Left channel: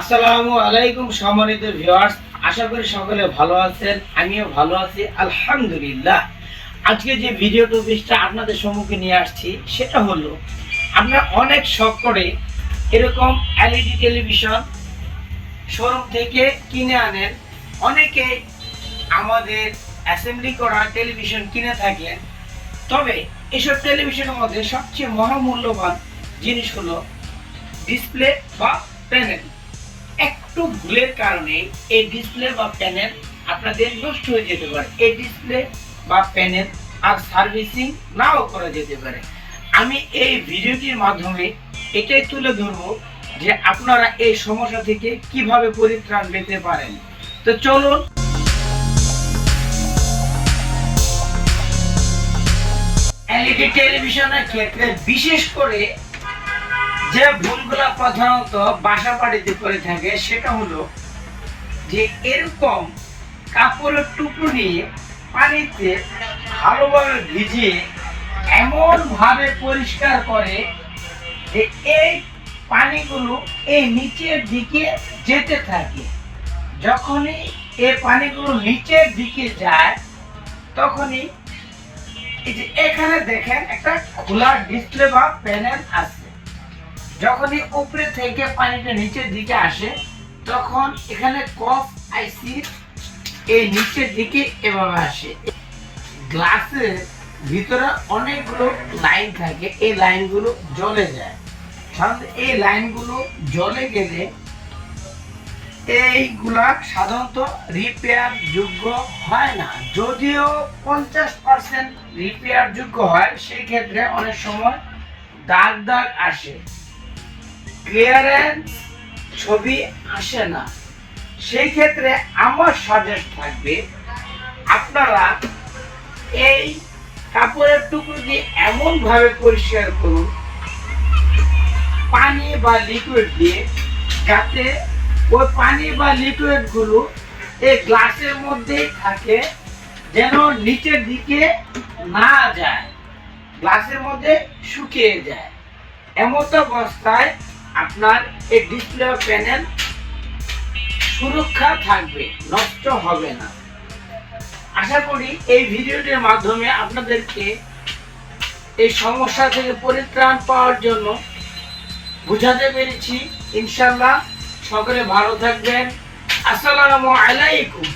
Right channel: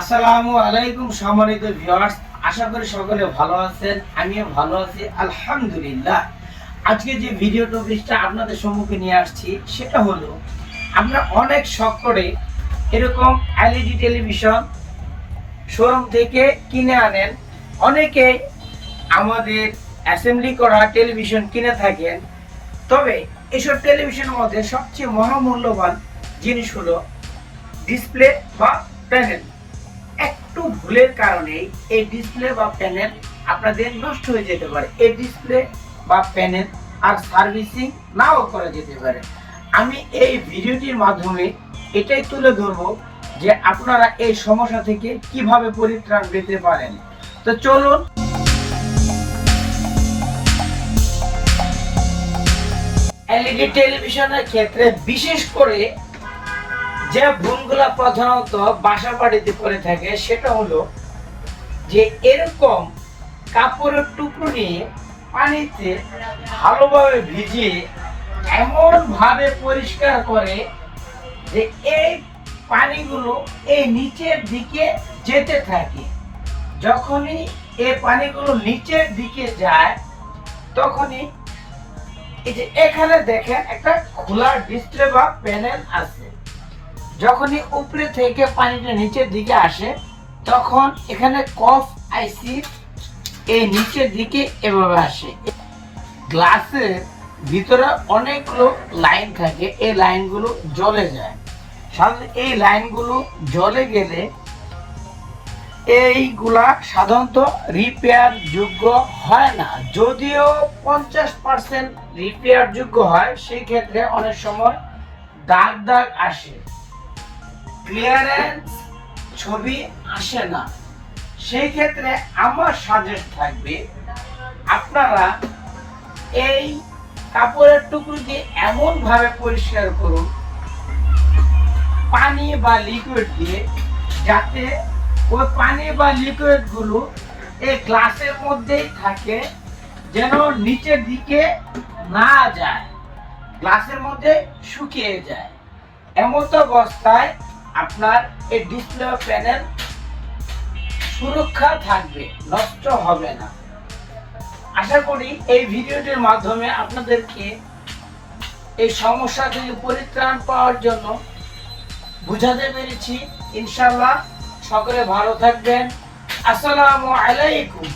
আসসালামু আলাইকুম সম্মানিত ভিউয়ার্স, আশা করি সকলে ভালো আছেন। আমিও ভালো আছি আলহামদুলিল্লাহ। আজকে যে ভিডিও টপিকটা আপনাদের সম্মুখে নিয়ে আসছি সেটা হলো, আমরা অনেক শখ করে এরকম এলইডি টেলিভিশন শোরুম থেকে কিনে আনেন। অনেকে আমাদের অ্যাসেম্বলি করা টেলিভিশন কিনে থাকেন। তবে এসব টেলিভিশনের মধ্যে সবচেয়ে মহামূল্যবান জিনিস হলো ডিসপ্লে বা প্যানেল। একটু ভুলের কারণে এই ডিসপ্লে বা প্যানেল আপনাদের নষ্ট হয়ে যেতে পারে। এই ডিসপ্লে বা প্যানেল আর সার্ভিসিং নাও করা যেতে পারে। আমি এই ভিডিওটির মাধ্যমে এটাই তুলে ধরবো যে আপনারা এই সমস্যা থেকে কিভাবে পরিত্রাণ পেতে পারেন। তো চলুন। এলইডি টেলিভিশনের ক্ষেত্রে বিশেষ করে যে ভুলগুলা প্রধানত বাসা বাড়িতে করে থাকে সেটা হলো যে এরকম কাপড়ের টুকরো নিয়ে পানিতে ভালোভাবে ভিজিয়ে এমন ভাবে পরিষ্কার করে যে এই পানিগুলো এই নিচের দিকে যেতে থাকে। যখনই এই পানিগুলো নিচের দিকে যায় তখনই এই যে এখানে দেখেন একটা খোলা ডিসপ্লে বা প্যানেল আছে। যখনই উপরে থেকে পানিটা নিচের দিকে আসে তখন এখানে কফ আইসি এই নিচের দিকে এভাবে আসে। গ্লাসের ভিতরে অনেকগুলো লাইন থাকে, এই লাইনগুলো জ্বলে যায়। এই লাইনগুলো জ্বলে গেলে এইগুলা সাধারণত রিপেয়ার যোগ্য হয় না। যদিও 50% রিপেয়ার যোগ্য হয়, সেই ক্ষেত্রে অনেক সময় দাগ দাগ আসে, ক্লিয়ারেন্স ছবি আসে না। সেই ক্ষেত্রে আমার সাজেস্ট থাকবে আপনারা এই কাপড়ের টুকরো দিয়ে এমন ভাবে পরিষ্কার করুন পানি বা লিকুইড দিয়ে, যাতে ওই পানি বা লিকুইড গুলো এই গ্লাসের মধ্যেই থাকে, যেন নিচের দিকে না যায়, গ্লাসের মধ্যে শুকিয়ে যায়। এমন অবস্থায় আপনার এই ডিসপ্লে প্যানেল সুরক্ষা থাকবে, নষ্ট হবে না। আশা করি এই ভিডিওটির মাধ্যমে আপনাদেরকে এই সমস্যা থেকে পরিত্রাণ পাওয়ার জন্য বুঝাতে পেরেছি। ইনশাআল্লাহ সকলে ভালো থাকবেন। আসসালামু আলাইকুম।